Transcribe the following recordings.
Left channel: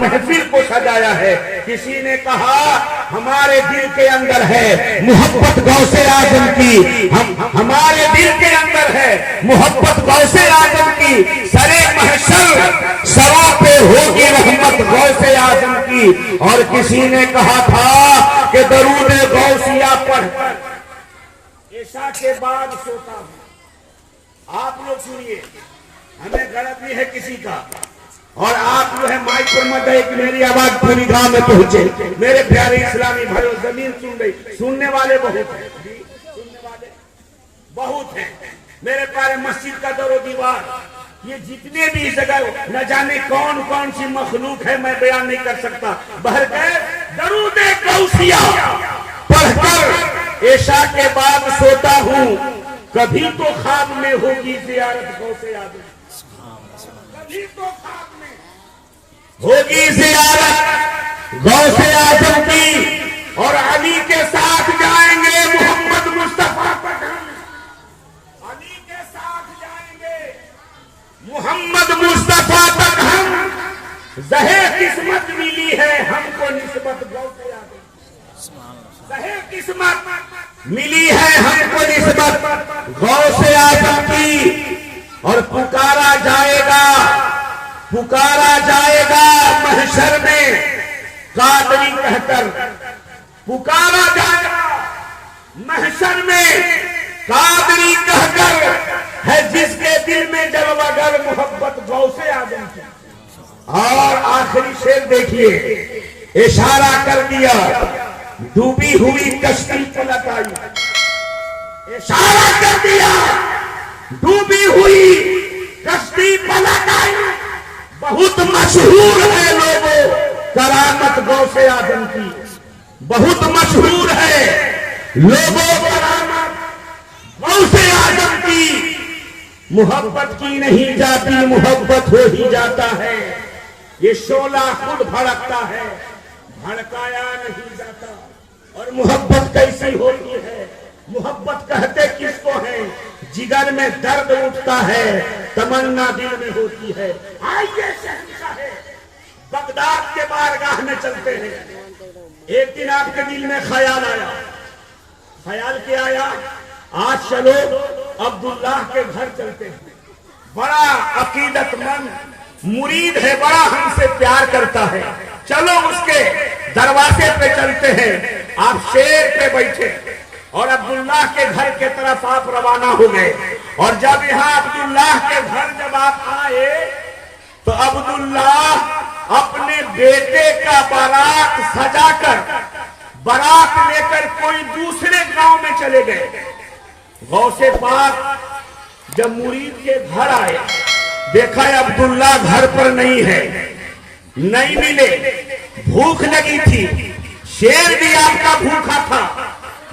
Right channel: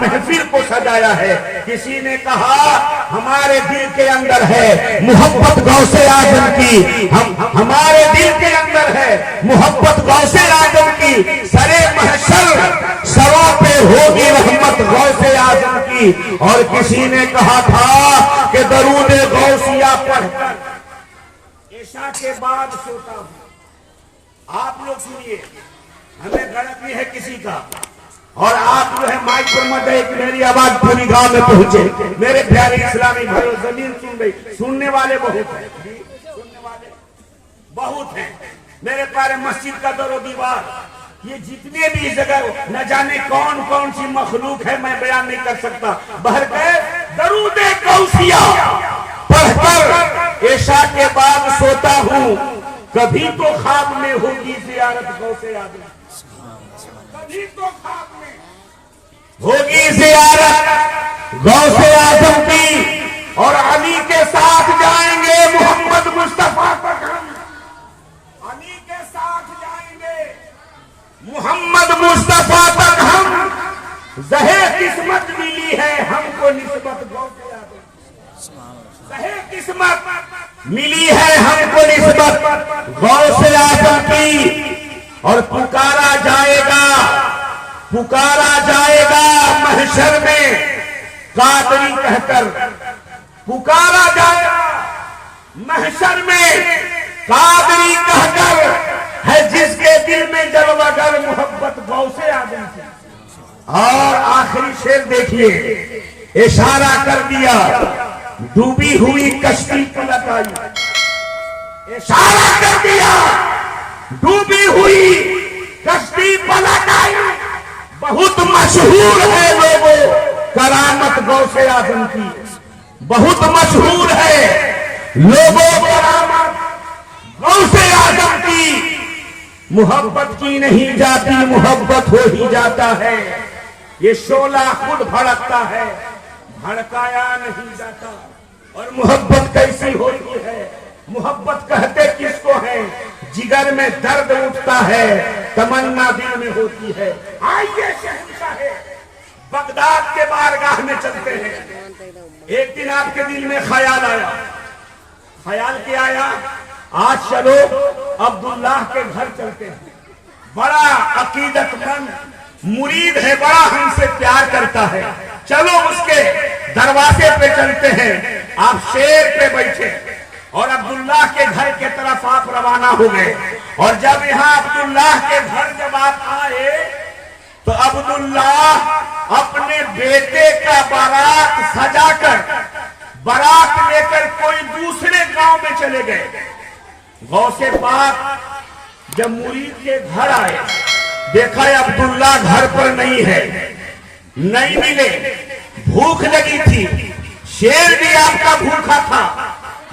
محفل کو سجایا ہے. کسی نے کہا ہمارے دل کے اندر ہے محبت غوث اعظم کی, ہمارے دل کے اندر ہے محبت غوث اعظم کی, سرے محشر سروں پہ ہوگی رحمت غوث اعظم کی. اور کسی نے کہا تھا کہ درود غوثیہ پڑھ کر عشاء کے بعد سوتا ہوں. آپ لوگ سنیے, ہمیں غلط نہیں ہے کسی کا, اور آپ جو ہے مائک پر مت ہے کہ میری آواز پوری گاؤں میں پہنچے. میرے پیارے اسلامی بھائی, زمین سن رہی, سننے والے بہت ہیں, سننے والے بہت ہیں. میرے پیارے مسجد کا در و دیوار, یہ جتنے بھی جگہ نہ جانے کون کون سی مخلوق ہے, میں بیان نہیں کر سکتا. بہر کے درود غوثیہ پڑھ کر عشاء کے بعد سوتا ہوں. کبھی تو خواب میں ہوگی زیارت غوث اعظم, کبھی تو خواب میں ہوگی زیارت غوث اعظم کی. اور علی کے ساتھ جائیں گے محمد مصطفیٰ تک, ہم علی کے ساتھ جائیں گے محمد مصطفیٰ تک. ہم زہے قسمت ملی ہے ہم کو نسبت غوث اعظم, زہے قسمت ملی ہے ہم کو نسبت غوث اعظم کی. اور پکارا جائے گا محشر میں قادری کہہ کر, پکارا جائے گا محشر میں قادری کہہ کر, ہے جس کے دل میں جلوہ گر محبت غوث اعظم کی. اور آخری شعر دیکھیے, اشارہ کر دیا ڈوبی ہوئی کشتی پلٹ آئی, اشارہ کر دیا ڈوبی ہوئی کشتی پلٹ آئی. بہت مشہور ہے لوگوں کرامت غوث اعظم کی, بہت مشہور ہے لوگوں کرامت غوث اعظم کی. محبت کی نہیں جاتی, محبت ہو ہی جاتا ہے. یہ شعلہ خود بھڑکتا ہے, بھڑکایا نہیں جاتا. اور محبت کیسی ہوتی ہے, محبت کہتے کس کو ہے, جگر میں درد اٹھتا ہے, تمنا دل میں ہوتی ہے. آئیے شہنشاہ بغداد کے بارگاہ میں چلتے ہیں. ایک دن آپ کے دل میں خیال آیا, خیال کیا آیا, آج چلو عبداللہ کے گھر چلتے ہیں. بڑا عقیدت مند مرید ہے, بڑا ہم سے پیار کرتا ہے, چلو اس کے دروازے پہ چلتے ہیں. آپ شیر پہ بیٹھے اور عبداللہ کے گھر کے طرف آپ روانہ ہو گئے. اور جب یہاں عبداللہ کے گھر جب آپ آئے تو عبداللہ اپنے بیٹے کا بارات سجا کر, بارات لے کر کوئی دوسرے گاؤں میں چلے گئے. غوث پاک جب مرید کے گھر آئے, دیکھا عبداللہ گھر پر نہیں ہے, نہیں ملے, بھوک لگی تھی, شیر بھی آپ کا بھوکا تھا.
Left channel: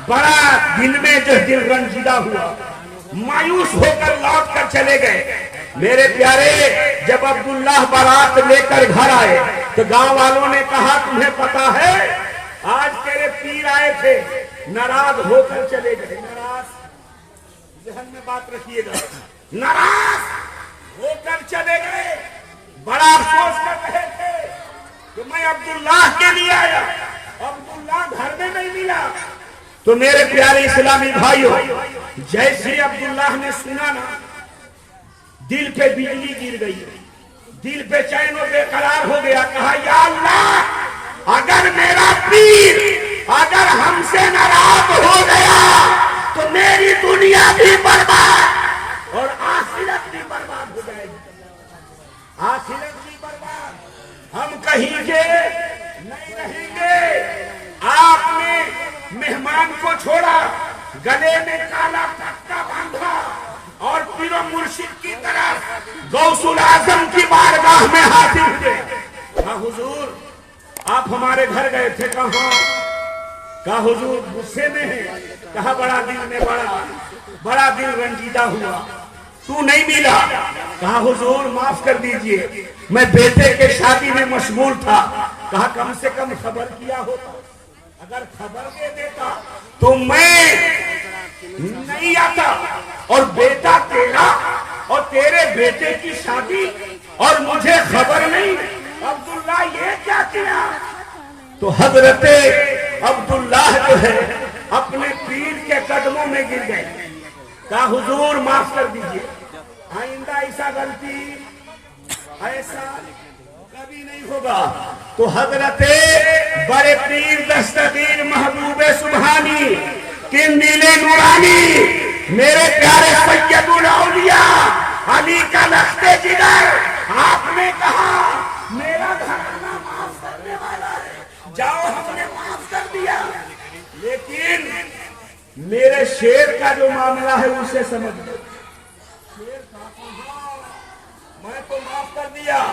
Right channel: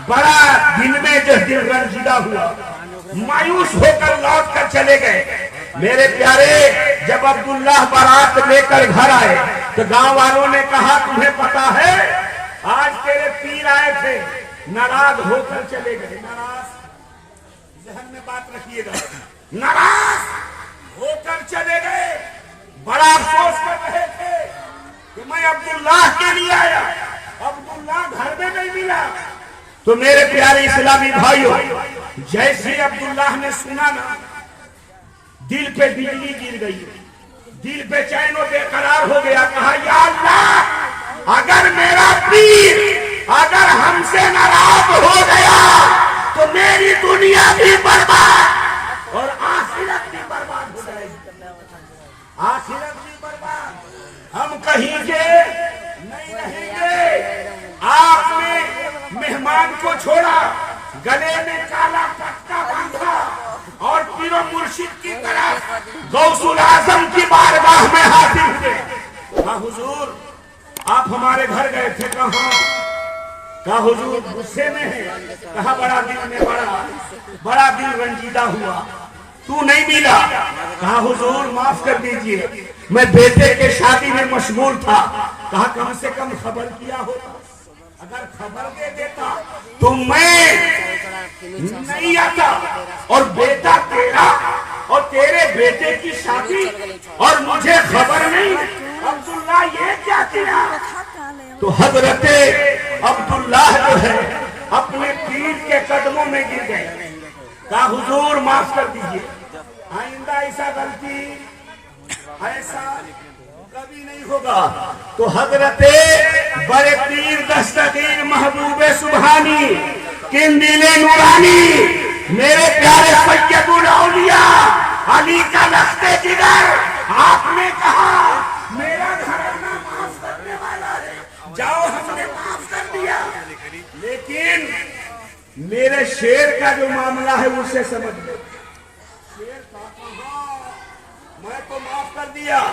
بڑا دن میں جو دل رنجیدہ ہوا, مایوس ہو کر لوٹ کر چلے گئے. میرے پیارے, جب عبداللہ بارات لے کر گھر آئے تو گاؤں والوں نے کہا تمہیں پتا ہے آج تیرے پیر آئے تھے, ناراض ہو کر چلے گئے. ناراض, ذہن میں بات رکھیے گا, ناراض ہو کر چلے گئے. بڑا افسوس کر رہے تھے کہ میں عبداللہ کے لیے آیا, عبداللہ گھر میں نہیں ملا. تو میرے پیارے اسلامی بھائیوں, جیسے عبداللہ نے سنا نا, دل پہ بجلی گر گئی, دل بے چین و بے قرار ہو گیا. کہا یا اللہ, اگر میرا پیر اگر ہم سے ناراض ہو گیا تو میری دنیا بھی برباد اور آخرت بھی برباد ہو جائے گی, آخرت بھی برباد. ہم کہیں گے نہیں رہیں گے. آپ نے مہمان کو چھوڑا, گلے میں کالا پٹا باندھا اور پیر و مرشد کی طرح غوث الاعظم کی بارگاہ میں حاضر ہوئے. کہا حضور آپ ہمارے گھر گئے تھے, کہاں؟ کہا حضور غصے میں ہے. کہا بڑا دل میں بڑا دل رنجیدہ ہوا, تو نہیں ملا. کہا حضور معاف کر دیجئے, میں بیٹے کے شادی میں مشغول تھا. کہا کم سے کم خبر کیا ہوتا, اگر خبر دے دیتا تو میں نہیں آتا. اور بیٹا تیرا اور تیرے بیٹے کی شادی اور مجھے خبر نہیں, عبداللہ یہ کیا کیا؟ تو حضرت عبداللہ جو ہے اپنے پیر کے قدموں میں گر گئے، کہا حضور معاف کر دیجیے، آئندہ ایسا غلطی ایسا کبھی نہیں ہوگا۔ تو حضرت بڑے پیر دستگیر محبوب سبحانی قندیل نورانی میرے پیارے سید الاولیاء علی کا لخت جگر، آپ نے کہا میرا گھرانہ معاف کرنے والا ہے، جاؤ ہم نے معاف کر دیا، لیکن میرے شیر کا جو معاملہ ہے اسے سمجھ لو۔ شیر کا کہاں، میں تو معاف کر دیا،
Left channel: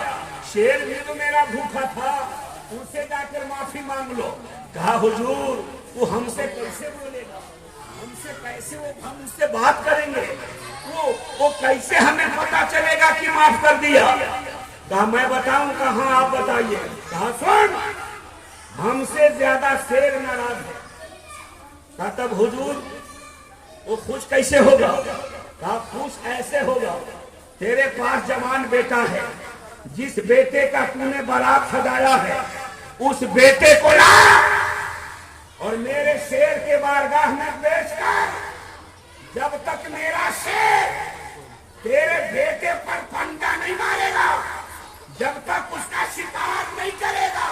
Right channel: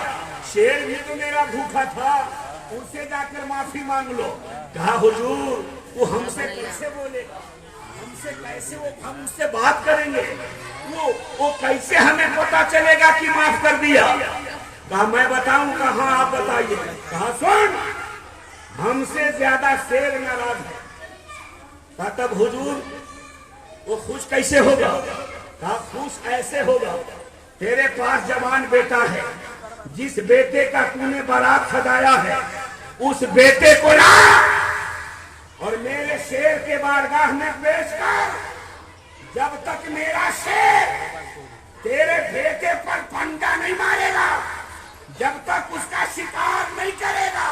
شیر بھی تو میرا بھوکا تھا، ان سے جا کر معافی مانگ لو۔ کہا حضور وہ ہم سے کیسے بولے گا، ہم سے کیسے ہم اس سے بات کریں گے، وہ کیسے ہمیں پتا چلے گا کہ معاف کر دیا؟ کہا میں بتاؤں؟ کہاں آپ بتائیے۔ کہا سن، ہم سے زیادہ شیر ناراض ہے۔ کہا تب حضور وہ خوش کیسے ہوگا؟ کہا خوش ایسے ہوگا، تیرے پاس جوان بیٹا ہے، جس بیٹے کا تو نے بارات سجایا ہے اس بیٹے کو لا اور میرے شیر کے بارگاہ میں پیش کر، جب تک میرا شیر تیرے بیٹے پر پنڈا نہیں مارے گا، جب تک اس کا شکار نہیں کرے گا،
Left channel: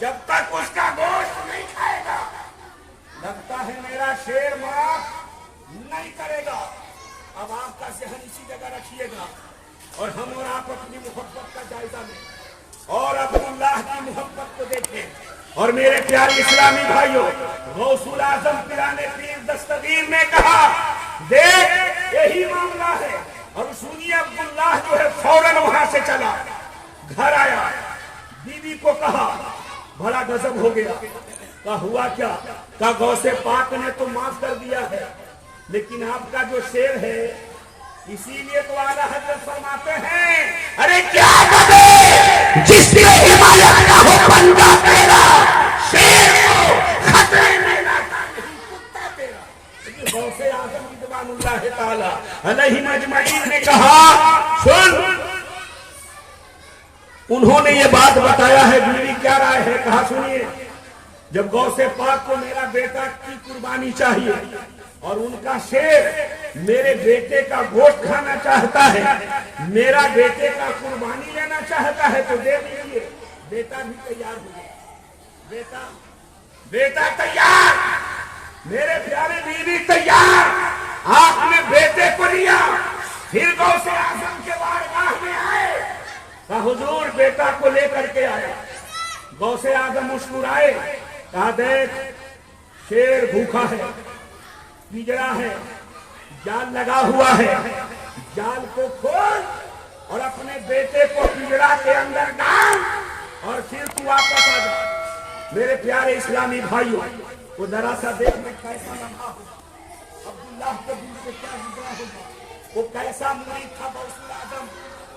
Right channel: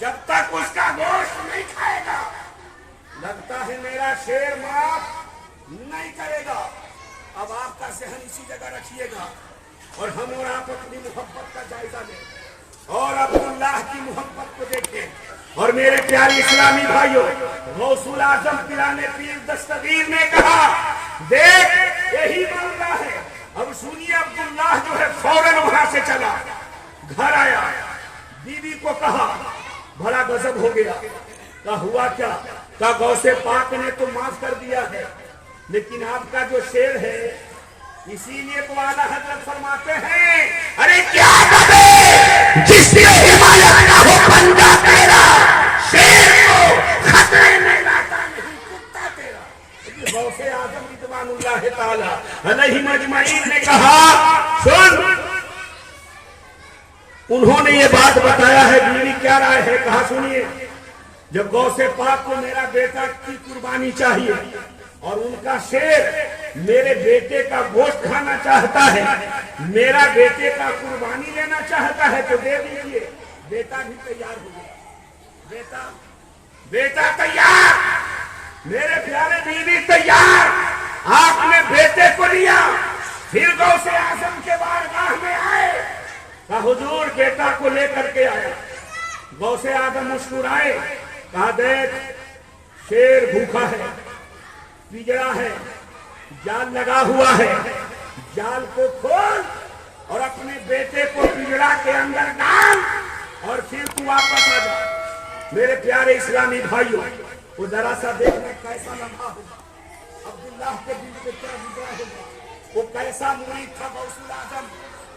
جب تک اس کا گوشت نہیں کھائے گا، لگتا ہے میرا شیر معاف نہیں کرے گا۔ اب آپ کا ذہن اسی جگہ رکھیے گا اور ہم اور آپ اپنی محبت کا جائزہ لیں اور عبداللہ کی محبت کو دیکھیں۔ اور میرے پیارے اسلامی بھائیوں، غوث الاعظم پیرانے پیر دستگیر نے کہا دیکھ یہی معاملہ ہے۔ اب سنیے، عبداللہ جو ہے فوراً وہاں سے چلا، گھر آیا، بیوی کو کہا، بڑا غضب ہو گیا۔ کہا ہوا کیا؟ کہا غوث پاک نے تو معاف کر دیا ہے، لیکن آپ کا جو شیر ہے، اسی لیے تو اعلیٰ حضرت فرماتے ہیں ارے کیا کرے جس نے حمایت کا ہو بندہ تیرا، شیر کو خطرے میں لاتا نہیں کتا تیرا۔ غوث اعظم رضوان اللہ تعالی علیہ اجمعین نے کہا سن، انہوں نے یہ بات بتایا ہے، بیوی کیا رائے ہے؟ کہا سنیے، جب غوث پاک کو میرا بیٹا کی قربانی چاہیے اور ان کا شیر میرے بیٹے کا گوشت کھانا چاہتا ہے، میرا بیٹے کا قربانی لینا چاہتا ہے تو دے دیجیے۔ بیٹا بھی تیار ہو گیا، بیٹا تیار، میرے پیارے بیوی تیار۔ آپ نے بیٹے کو لیا، پھر غوث اعظم کے بارگاہ میں آئے، کہا حضور بیٹا کو لے کر کے آیا۔ غوث اعظم مسکرائے، کہا دیکھ شیر بھوکا ہے، پجڑا ہے، جال لگا ہوا ہے، جال کو کھول اور اپنے بیٹے کو پجڑا کے اندر ڈال اور پھر تو واپس آ جا۔ میرے پیارے اسلامی بھائیوں، وہ ذرا سا دیکھنا کیسا لمحہ ہوگا، عبداللہ کے دل کو کیا گزرا ہوگا، وہ کیسا مرید تھا غوث الاعظم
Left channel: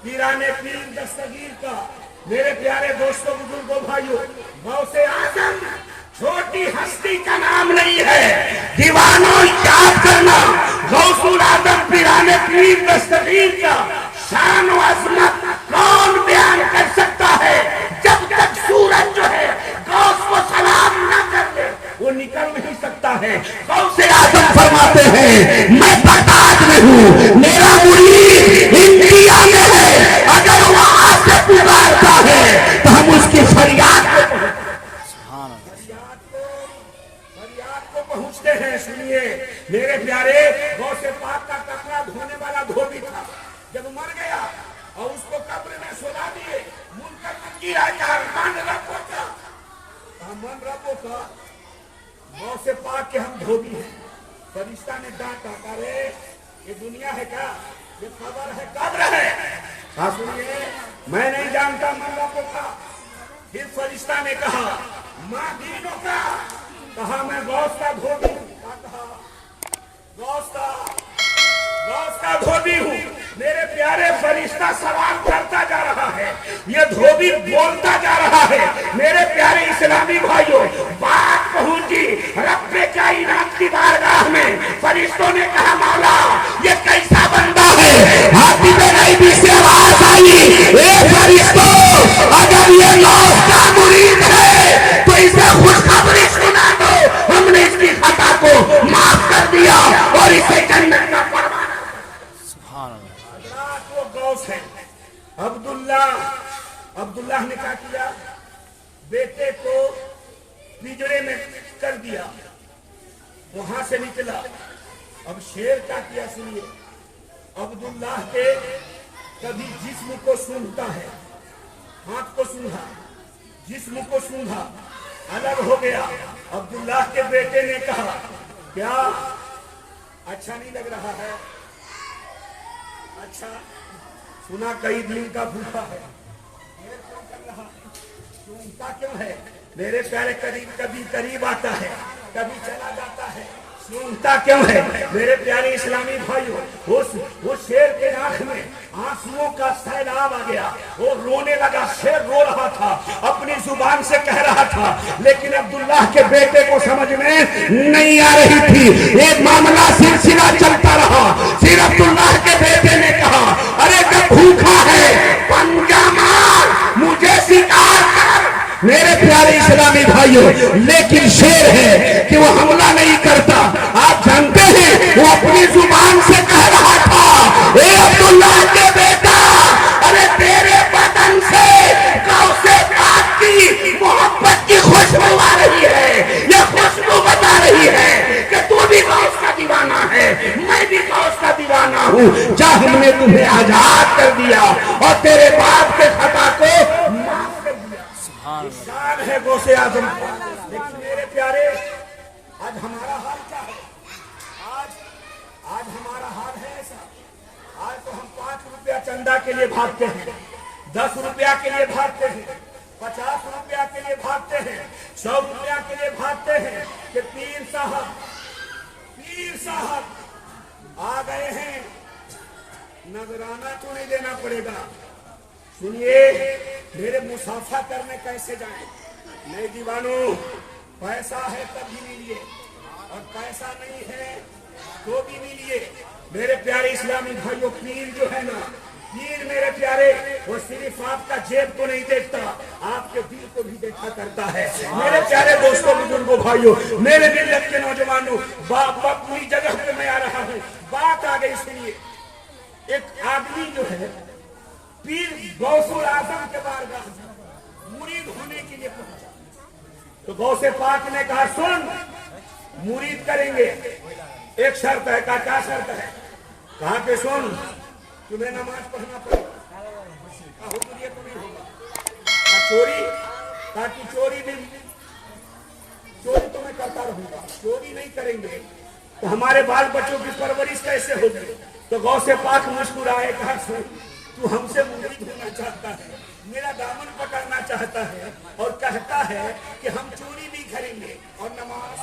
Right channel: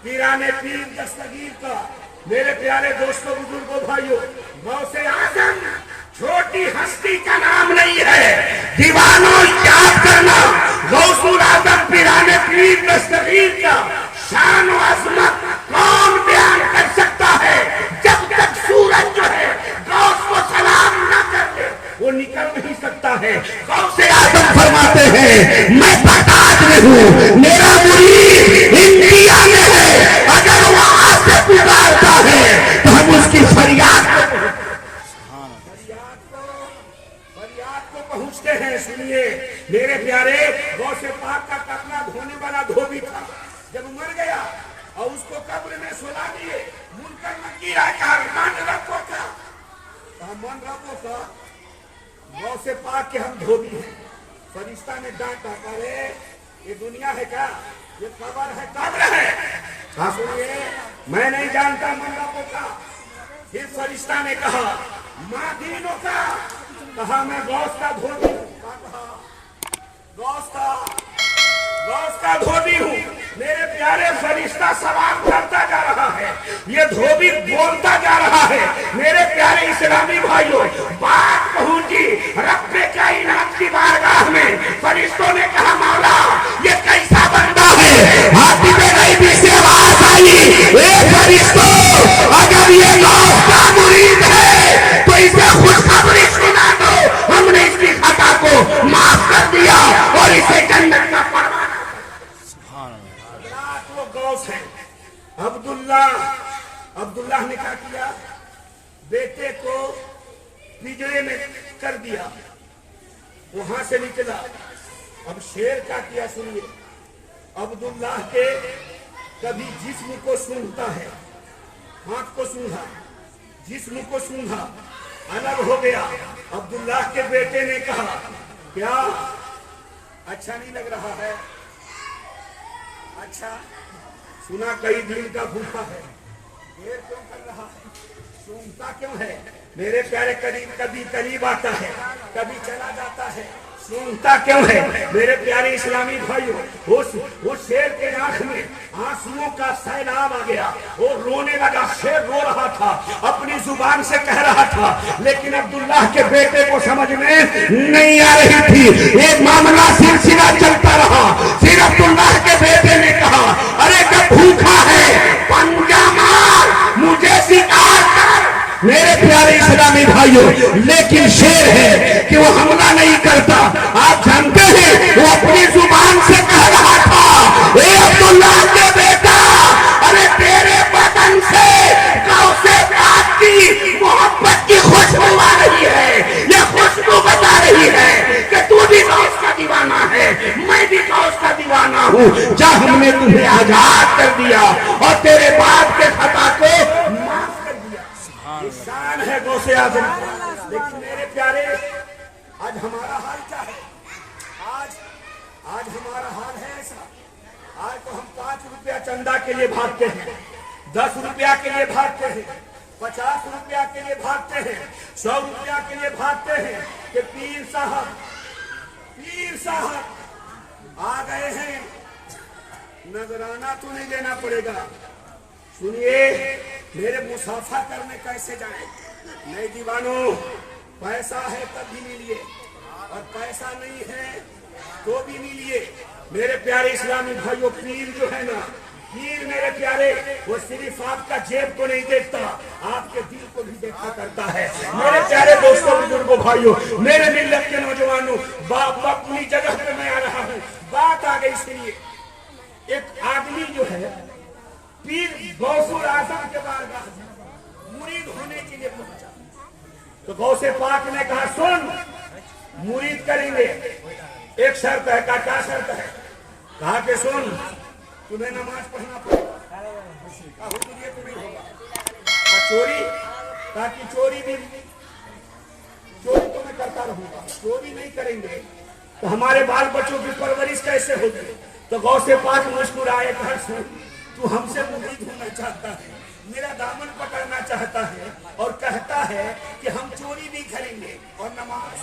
پیرانے پیر دستگیر کا۔ میرے پیارے دوستوں، بزرگوں، بھائیوں، غوث اعظم چھوٹی ہستی کا نام نہیں ہے، دیوانوں یاد کرنا، غوث الاعظم پیرانے پیر دستگیر کا شان و عظمت کون بیان کر سکتا ہے؟ جب تک سورج جو ہے غوث کو سلام نہ کرتے وہ نکل نہیں سکتا ہے۔ غوث اعظم فرماتے ہیں میں بغداد میں ہوں، میرا مرید انڈیا میں ہے، اگر وہ آج سے پکارتا ہے تو ہم اس کی فریاد کو پہنچتے ہیں۔ سنیے میرے پیارے، غوث پاک کا کپڑا دھونے والا دھوبی تھا، جب مر گیا اور اس کو قبر میں سلا دیے، منکر نکیر آئے، کہا من ربو کا، کہا من ربو کا، غوث پاک کے ہم دھوبی ہیں۔ فرشتہ نے ڈانٹا، کہا یہ دنیا ہے کیا؟ یہ قبر ہے، قبر ہے۔ کہا سنیے میں نہیں جانتا من ربو کا۔ پھر فرشتہ نے کہا ماں دینوں کا، کہا میں غوث کا دھوبی ہوں۔ کہا غوث کا دھوبی ہوں۔ میرے پیارے فرشتہ سوال کرتا جا رہا ہے، یہ دھوبی بولتا جا رہا ہے۔ میرے پیارے اسلامی بھائیوں، بات پہنچی رب کائنات کی بارگاہ میں۔ فرشتوں نے کہا مولا یہ کیسا بندہ ہے؟ ہاتھی میں غیبی سے آواز آئی، اے فرشتوں اگر اگر یہ غوث کا مرید ہے تو اسے خوشخبری سنا دو، ہم نے اس کی خطا کو معاف کر دیا اور اسے جنت کا پروانہ۔ سبحان اللہ۔ حضرات وہ غوث ہیں عبداللہ نے کیا کیا؟ بیٹے کو پنجرے میں کر دیا، وہاں سے نکلا۔ اب شیر کیا کیا سنیے، عبداللہ کے کبھی جسم کو سونگھتا ہے، ہاتھ کو سونگھا، جسم کو سونگھا، الگ ہو گیا۔ عبداللہ کے بیٹے نے کہا کیا اچھا نہیں لگ رہا ہے؟ اچھا سنا کئی دن کا بھوکا ہے، دیر کیوں کر رہا ہے، سونگتا کیوں ہے؟ میرے پیارے کبھی قریب آتا ہے، کبھی چلا جاتا ہے، سونگتا کیوں ہے؟ میرے پیارے اسلامی بھائیوں، وہ شیر کے آنکھ میں آنسوؤں کا سیلاب آ گیا، وہ رونے لگا۔ شیر رو رہا تھا، اپنی زبان سے کہہ رہا تھا، لیکن عبداللہ کے بیٹے کو سمجھ میں نہیں آ رہی تھی۔ ایک معاملہ سلسلہ چلتا رہا، پھر عبداللہ کے بیٹے نے کہا ارے جب بھوکا ہے پنجہ مار، مجھے شکار کر۔ میرے پیارے اسلامی بھائیوں، لیکن شیر ہے کہ وہ حملہ نہیں کرتا۔ آپ جانتے ہیں وہ اپنی زبان سے کہہ رہا تھا اے عبداللہ کے بیٹا، ارے تیرے بدن سے غوث پاک کی محبت کی خوشبو آ رہی ہے، یہ خوشبو بتا رہی ہے کہ تو بھی غوث کا دیوانہ ہے، میں بھی غوث کا دیوانہ ہوں۔ جا ہم نے تمہیں آزاد کر دیا اور تیرے باپ کے خطا کو معاف کر دیا۔ شان ہے غوث اعظم کا۔ لیکن میرے پیارے، آج ہمارا حال کیا ہے؟ آج ہمارا حال ہے ایسا، آج تو ہم 5 روپیہ چندہ کے لیے بھاگتے ہیں، 10 روپیہ کے لیے بھاگتے ہیں، 50 روپیہ کے لیے بھاگتے ہیں، 100 روپیہ کے لیے بھاگتے ہیں کہ پیر صاحب آ گئے ہیں، نذرانہ تو نہیں دینا پڑے گا۔ سنیے میرے مسافہ کرنے کیسے جائیں؟ نہیں دیوانوں، پیسہ ہے تب بھی نہیں لیے، اور پیسہ نہیں ہے تو بھی نہیں لیے۔ میرے پیارے اسلامی بھائیوں، پیر جو ہے نا، پیر میرے پیارے، وہ صرف آپ کا جیب کو نہیں دیکھتا، آپ کے دل کو بھی دیکھا کرتا ہے۔ میرے پیارے دوستوں، بزرگوں، بھائیوں، میرے ملت کے نوجوانوں، اپنی جگہ پہ میں آ رہا ہوں، بات آ گئی۔ اس لیے ایک آدمی جو ہے پیر غوث اعظم کے بارگاہ مرید ہونے کے لیے پہنچا، تو غوث پاک نے کہا سن، مرید کریں گے، ایک شرط ہے۔ کہا کیا شرط ہے؟ کہا کہ سن، تمہیں نماز پڑھنا پڑے گا۔ کہا حضور یہ تو نہیں ہوگا۔ کہا چوری؟ کہا کہ چوری تو میں کرتا رہوں گا، چوری نہیں کریں گے تو ہمارے بال بچوں کی پرورش کیسے ہوگی؟ تو غوث پاک مسکرائے، کہا سن، تو ہم سے مرید ہونا چاہتا ہے، میرا دامن پکڑنا چاہتا ہے، اور کہتا ہے کہ ہم چوری نہیں کریں گے اور نماز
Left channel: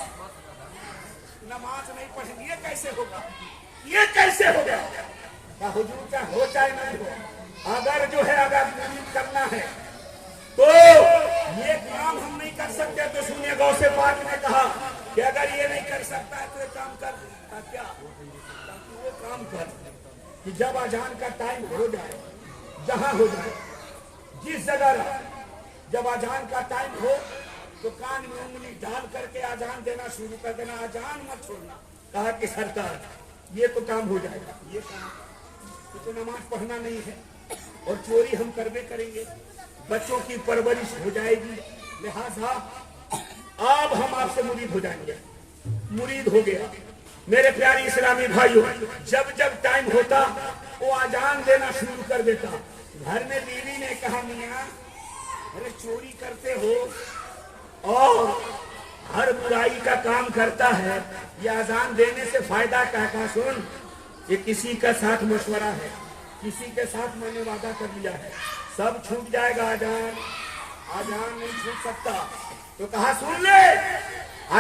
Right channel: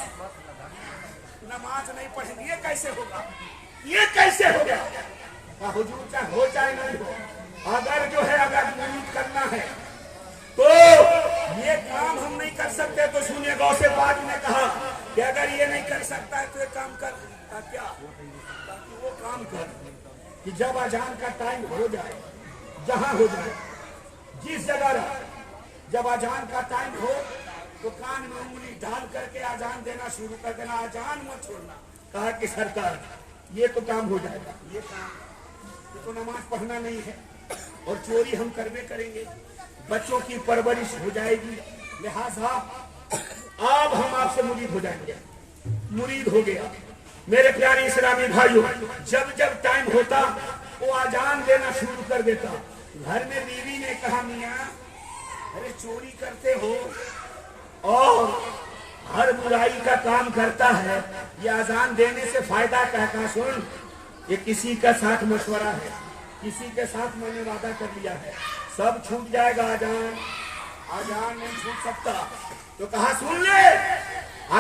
نہیں پڑھیں گے، یہ کیسے ہوگا؟ یہ کیسے ہو گیا؟ حضور چاہے ہو چاہے نہیں ہو، اگر جو ہے اگر مرید کرنا ہے تو یہ کام ہم نہیں کر سکتے۔ تو سنیے غوث پاک نے کہا کہ اگر یہ نہیں کر سکتا ہے تو ایک کام کر، کیا؟ تاکہ وہ کام کر کہ جب اذان کا ٹائم ہو جائے، جہاں ہو جائے، جس جگہ رہے، جب اذان کا ٹائم ہو تو کان میں انگلی ڈال کر کے اذان دینا شروع کر دینا، اذان مت چھوڑنا۔ کہا کہ سرکار یہ تو کام ہو جائے گا، یہ تو نماز پڑھنا نہیں ہے، اور چوری ہم کریں گے، بچوں کی پرورش ہو جائے گی، لہذا اب ہم آپ سے مرید ہو جائیں گے۔ مرید ہو گیا۔ میرے پیارے اسلامی بھائیوں، جب ٹائم ہوتا وہ اذان دینا شروع کر دیتا۔ گھر میں بیوی نے کہا میاں ارے چوری کرتے ہو اور ہر برائی کا کام کرتا ہے، یہ اذان دینے سے فائدہ کیا؟ کہا سن، یہ کسی کا ساتھ مشورہ ہے، کسی کے ساتھ میں نے وعدہ کر لیا ہے، سب چھوٹ جائے گا، اذان نہیں چھوٹ سکتا۔ تو کہا سن لے،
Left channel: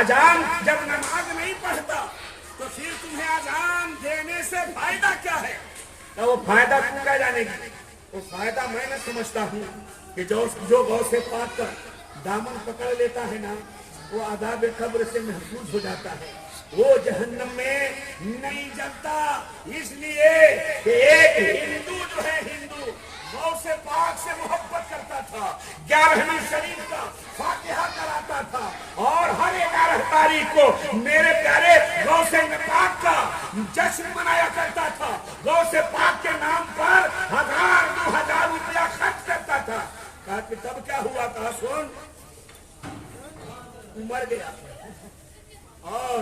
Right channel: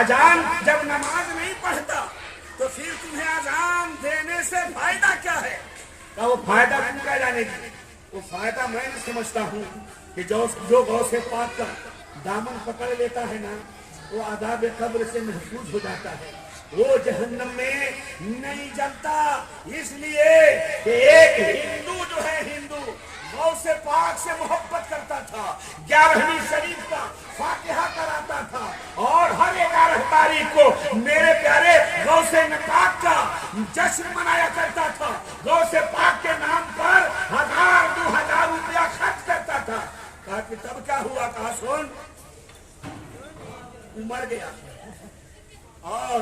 اذان جب نماز نہیں پڑھتا تو پھر تمہیں اذان دینے سے فائدہ کیا ہے؟ کہا وہ فائدہ تم کیا جانے گی، وہ فائدہ میں نہ سمجھتا ہوں کہ جو غوث پاک کا دامن پکڑ لیتا ہے نا، وہ عذاب قبر سے محفوظ ہو جاتا ہے، وہ جہنم میں نہیں جلتا۔ اس لیے کہ ایک ہندو جو ہے، ہندو غوث پاک سے محبت کرتا تھا، 11ویں شریف کا فاتحہ کراتا تھا، اور ہر 11 تاریخ کو میرے پیارے غوث پاک کا جشن منایا کرتا تھا، غوث پاک کے نام پر 1000-2000 روپیہ خرچ کرتا تھا۔ کہا کہ تب کیا ہوا؟ کہا سن، مر گیا اور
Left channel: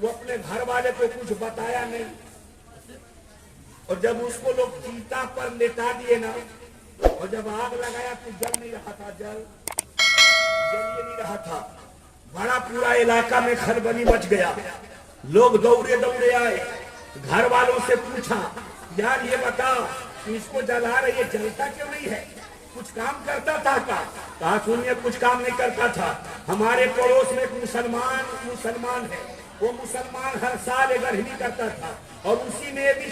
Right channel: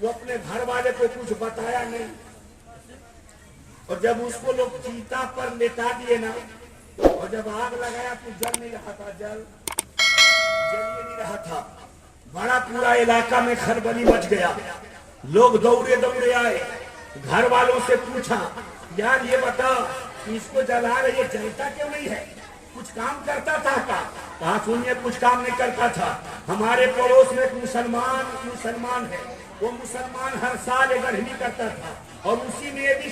وہ اپنے گھر والے کو کچھ بتایا نہیں، اور جب اس کو لوگ چیتا پر لٹا دیے نا، اور جب آگ لگایا تو جل نہیں رہا تھا، جل یہ نہیں رہا تھا، بڑا پورا علاقہ میں کھلبلی مچ گیا، لوگ دوڑے دوڑے آئے، گھر والوں سے پوچھا یار یہ بتا اس کو جلا رہے، یہ جلتا کیوں نہیں ہے؟ کچھ کام کرتا تھا کا؟ کہا سنیے کچھ کام نہیں کرتا تھا، ہمارے پڑوس میں ایک مسلمان ہے، وہ مسلمان ہر سال ایک گرہنی کرتا تھا اور اسی میں بھی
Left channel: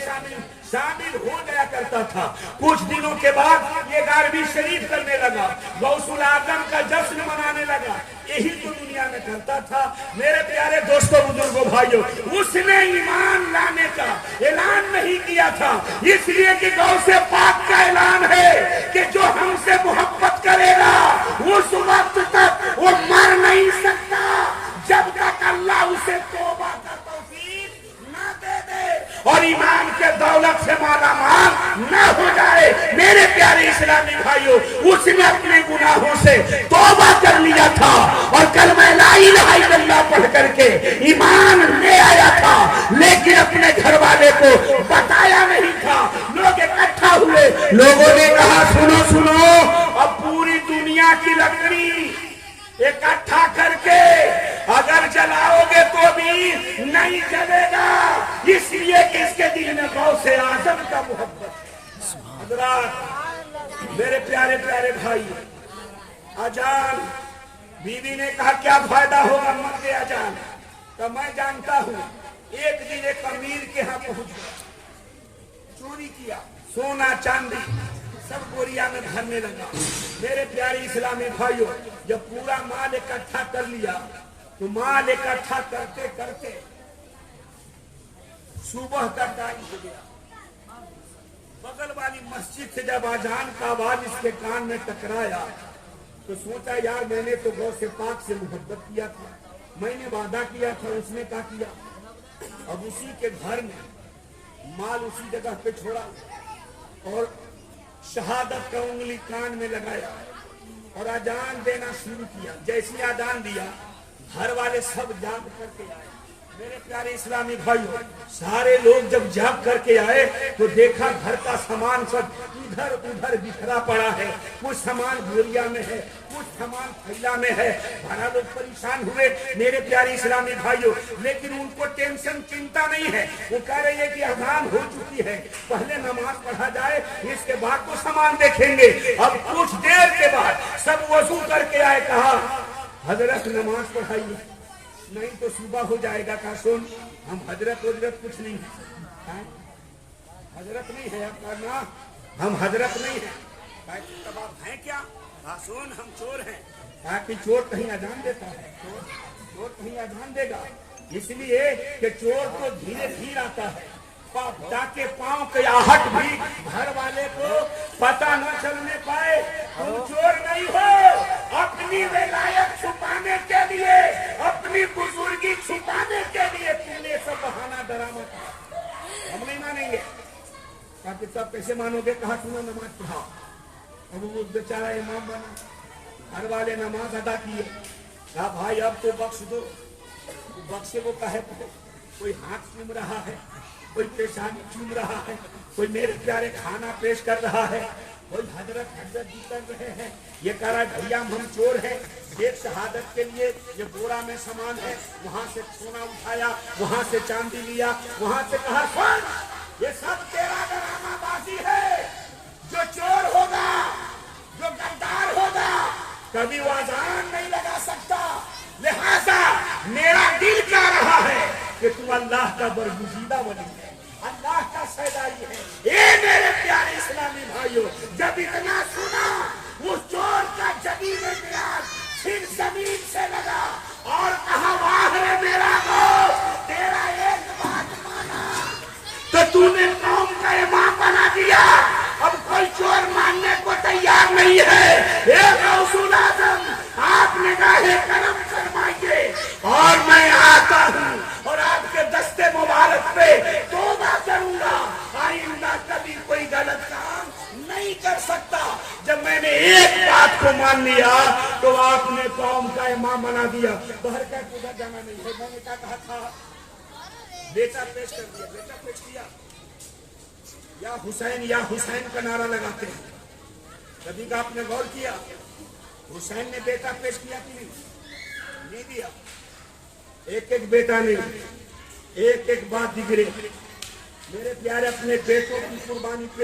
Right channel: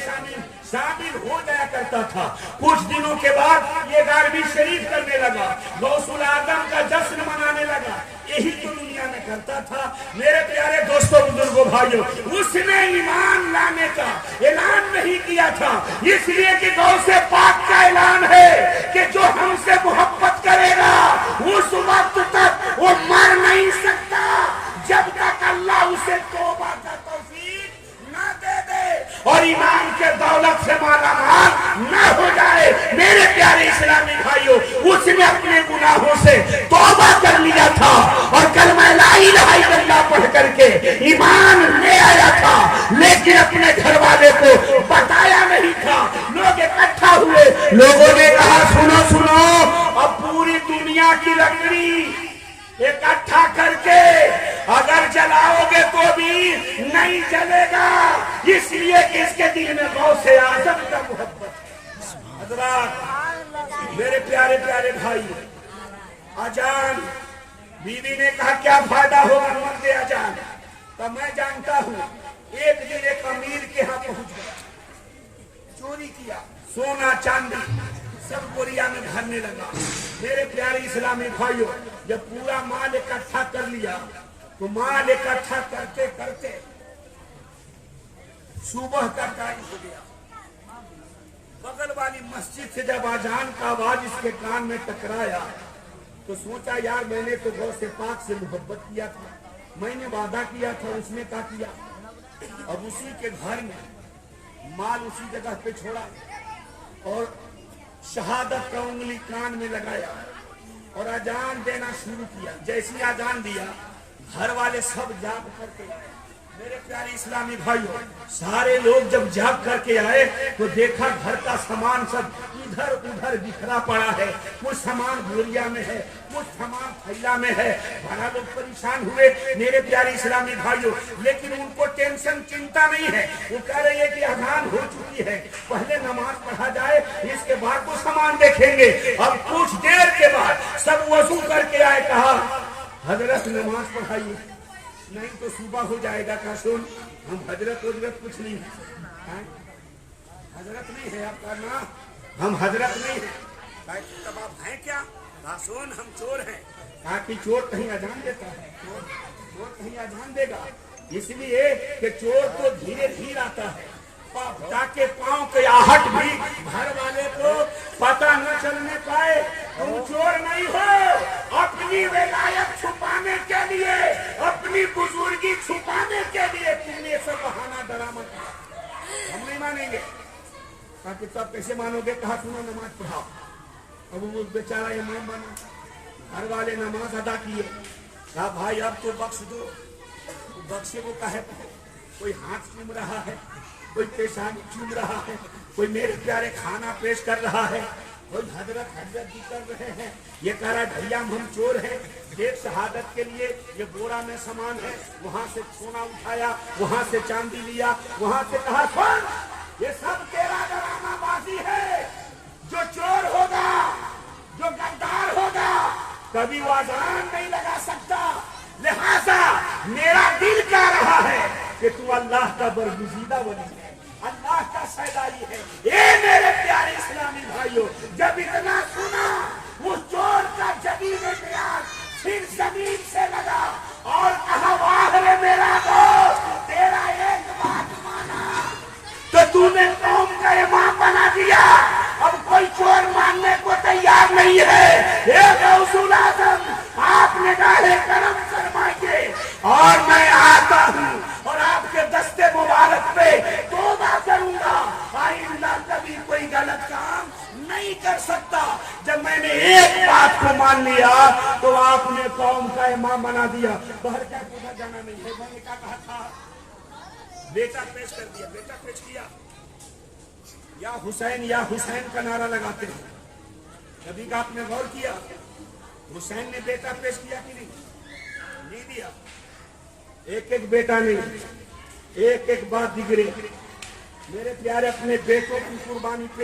شامل ہو جایا کرتا تھا۔ کچھ دنوں کے بعد یہ 11ویں شریف کرنے لگا، غوث الاعظم کا جشن منانے لگا، یہی تو دنیا میں کرتا تھا۔ میرے پیارے دوستوں بزرگوں بھائیوں، اس نے ایمان لانے کا اعلان نہیں کیا تھا، اس لیے کہ غوث پاک کا اعلان ہے کہ جو ہم سے محبت کرے گا اس وقت تک وہ مر نہیں سکتا جب تک اللہ اسے توبہ کا توفیق نہ دے دے اور ایمان کے دولت سے مالا مال نہ ہو جائے۔ میرے پیارے اسلامی بھائیوں، اس نے اپنے گناہوں سے توبہ کر لیا تھا اور کلمہ لا الہ الا اللہ پڑھ کر کے ایمان لے آیا تھا، لیکن اپنے گھر والے کو بتایا نہیں تھا۔ لوگ اکٹھا ہوئے، لوگوں نے کہا سنو سنو، اب پوری دنیا کی لکڑی اکٹھا کر کے اگر جلاؤ گے تو بھی نہیں جلے گا، اس لیے کہ اس کے دل میں غوث اعظم کا محبت۔ حضرات میرے پیارے پیارے بھائی، اذان بیوی نے کہا کیا فائدہ ہوگا مرد اذان؟ تو میں جانتا ہوں ایک دن ایک امیر کے ہاں پہنچ گیا، چوری کیا، سونا چاندی سب بوریا میں بھرنے لگا۔ میرے پیارے اسلامی بھائیوں، جب پورا مال اکٹھا کر لیا تو مال اکٹھا کرتے کرتے صبح کا ٹائم ہو گیا۔ بغل والی مسجد سے جب اذان کا آواز اس کے کان میں ٹکرایا تو سوچا یار میں نے تو غوث پاک سے محبت کیا تھا، میں نے وعدہ کیا تھا، اس نے کیا کیا؟ اب اسی کے گھر میں مال اسی جگہ پہ چھوڑا اور شہادت کا انگلی کان میں لگایا اور اذان دینا شروع کیا۔ جیسی اذان دیا گھر والے سب جاگ کر کے آئے۔ میرے پیارے اسلامی بھائیوں، سارے لوگ جب جاگ کر کے آئے تو دیکھا گھر کا سامان سب ادھر ادھر بکھرا پڑا ہے، کچھ سامان بوریا میں ہے، کچھ سامان تھیلا میں ہے۔ بڑا لوگ پریشان ہوئے میرے پیارے اسلامی بھائیوں، لیکن ان کو ٹینشن چنتا نہیں ہے، وہ کہہ رہے ہیں کہ اذان ہو چکی ہے، پہلے نماز پڑھا جائے، اس کے بعد تو سامان دیکھیں گے۔ اب کچھ دیر کے بعد سب وضو کر کے آئے، کہا حضرت نماز پڑھائیے، نہیں تو صبح ہو جائے گا۔ کہا سن، ہم حضرت کچھ نہیں ہے، حضرت نہیں ہے آپ کا نام، ہم حضرت نہیں ہیں۔ کہا تب آپ ہیں کیا؟ کہا سن ہم چور ہیں۔ کہا کہ چور کہیں اذان دیتا ہے؟ چور کہیں اذان دے گا؟ اس لیے کہ چور تو دھیرے دھیرے آتا ہے تاکہ پاؤں کی آہٹ بھی گھر والے کو پتہ نہ چلنے پائے۔ تم چور نہیں ہو، اپنی ولایت چھپانے کے لیے، اپنی بزرگی چھپانے کے لیے تم نے سب بہانہ ڈرامہ کیا، ہم نہیں مانیں گے۔ کہا کہ تب کیسے مانو گے؟ کہا تم نے نماز پڑھا۔ اب وہ بیچارہ امام بنا، گھر والے نماز ادا کیے۔ کہا بھائی اب تو بخش دو۔ بخشے وہ کہے کوئی ہاتھ چوم رہا ہے، کوئی پیشانی چوم رہا ہے، کوئی میرے پیارے کھانا پیش کر رہا ہے، کوئی حضرت بھی کر رہے ہیں۔ یہ کہہ رہا ہے بھیا ہم چور ہیں، ایک شہادت کے لیے یہ بورا میں سامان ہے، وہاں سے سونا اٹھایا، وہاں سے چاندی لیا، وہاں سے کہا سن یہ سب تیرا ڈرامہ بازی ہے۔ جو چور ہوگا، جو غدار ہوگا، کبھی وہ اذان نہیں لگا سکتا، لہذا میرا دل کہہ رہا ہے کہ تو اللہ کا برگزیدہ ولی ہے، اللہ کا سرداری ہے۔ اے میرے پیارے اسلامی بھائیوں، جب اتنا سنا اس چور کا جبین اعتراض پھر زمین سے لگا اور کہا واہ رے میرا دوست، تیرا ایک بات مانا تو تو نے قوم کا امام بنا دیا، اب کوئی چور ماننے کو تیار نہیں ہے. اے غوث اعظم آپ نگاہ کرم فرمائیے اور میں آتا ہوں اور آپ کے دستے مبارک پہ توبہ کروں گا. آئندہ کبھی کوئی غلط کام نہیں کر سکتا. جب میں نے ایک بات کو مان لیا تو آپ نے قوم کا امام بنا دیا. باہر کا پوچھا جانا نہیں ہے. میں نے کیا کہا تھا؟ بیٹا پیش کر دیا. بیٹا پیش کیا. یا حسین کا نعرہ لگاتے ہیں. کبھی کا آپ نے غور کیا حسین نے بیٹا پیش کیا کہ نہیں دیا؟ ایک ایک بیٹا نہیں, ایک ایک بات دگرے. میرے پیارے اپنے بیٹوں کی قربانی پہ